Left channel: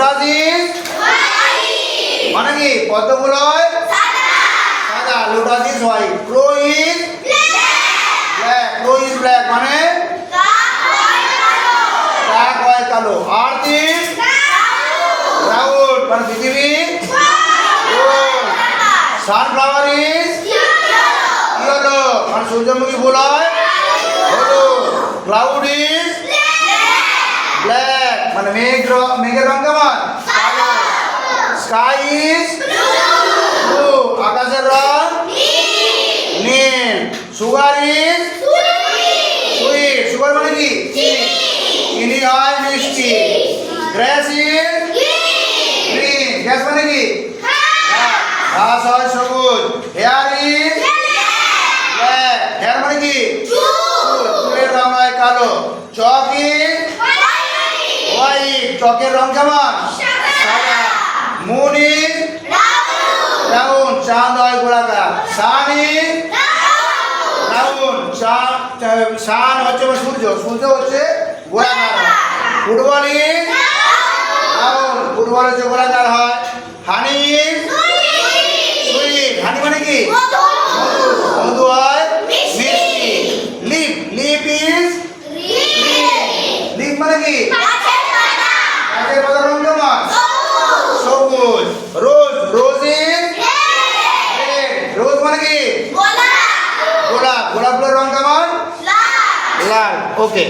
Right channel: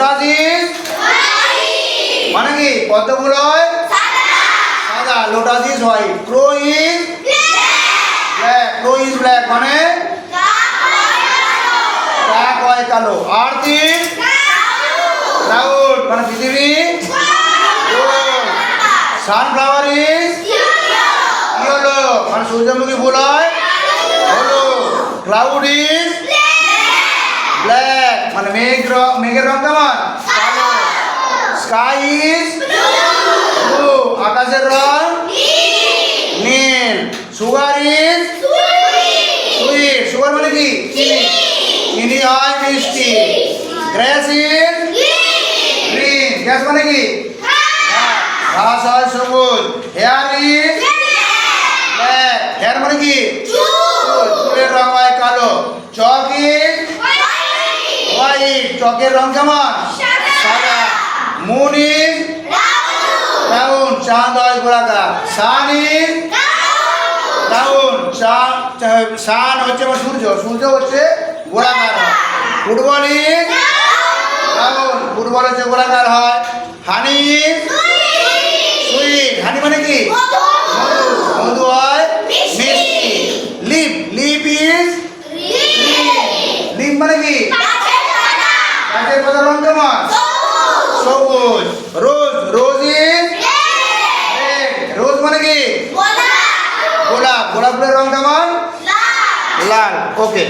Lotus is মানে কি পদ্ম ফুল হয় সাদা, lotus is white. Crow is black, crow is black মানে কাক হয় কালো। আর্থ ইজ ক্লাউড মানে পৃথিবী গোল। সানফ্লাওয়ার ইজ ইয়েলো মানে সূর্যমুখী ফুল হয় হলুদ। ক্লাউড ইজ ব্ল্যাক মানে মেঘের রং কেমন কালো। স্কাই ইজ ব্লু আকাশের রং নীল। সুগার ইজ সুইট, সুগার মানে কি চিনি, চিনি হয় মিষ্টি। গ্রাস ইজ গ্রিন, গ্রাস মানে কি ঘাস হয় সবুজ। হেয়ার ইজ ব্ল্যাক, হেয়ার মানে কি চুল, চুলের রং হয় কালো। চক ইজ হোয়াইট, চকের রং কেমন সাদা। মুন ইজ রাউন্ড, চাঁদ হয় গোলাকার। সান ইজ রাউন্ড, সান হচ্ছে সূর্য, সূর্য হচ্ছে গোলাকার হয়। ফুটবল ইজ রাউন্ড, ফুটবল হচ্ছে গোলাকার হয়। হানি ইজ সুইট, হানি মানে কি মধু হয় মিষ্টি। লিপ, লিপ ইজ লিপ মানে কি গাছের পাতার রং কেমন সবুজ। রোজ, রোজ ইজ রেড, রোজ মানে কি গোলাপ, গোলাপ ফুলের রং কেমন লাল। ওকে।